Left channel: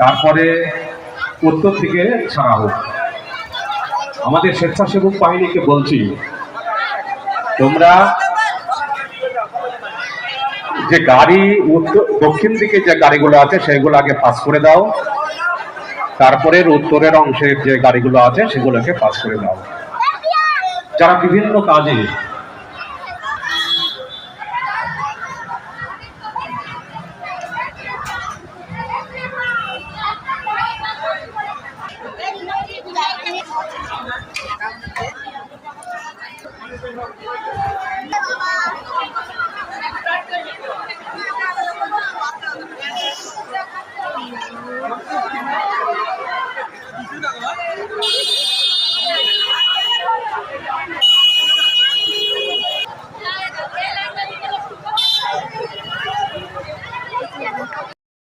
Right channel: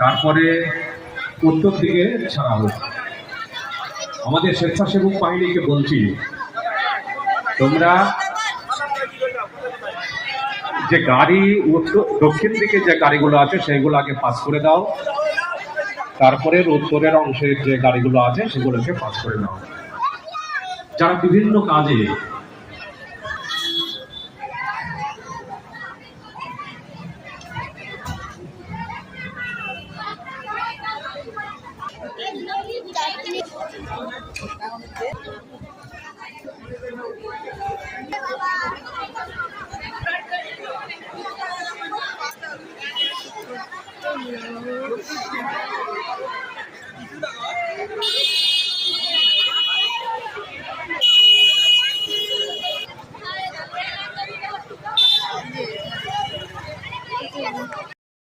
তারপরে উত্তর দিকে ছাড়া হোক। আমাদের স্বেচ্ছাসেবক বাহিনীকে বলছি, তোমরা যে গাড়ি দক্ষিণ দিকে যে গাড়িগুলো আছে সেগুলো আগে পাস করে দাও, তারপরে উত্তরের অংশের যে গাড়িগুলো আছে সেগুলোকে পাস করে দাও। যারা বিভিন্ন কাজে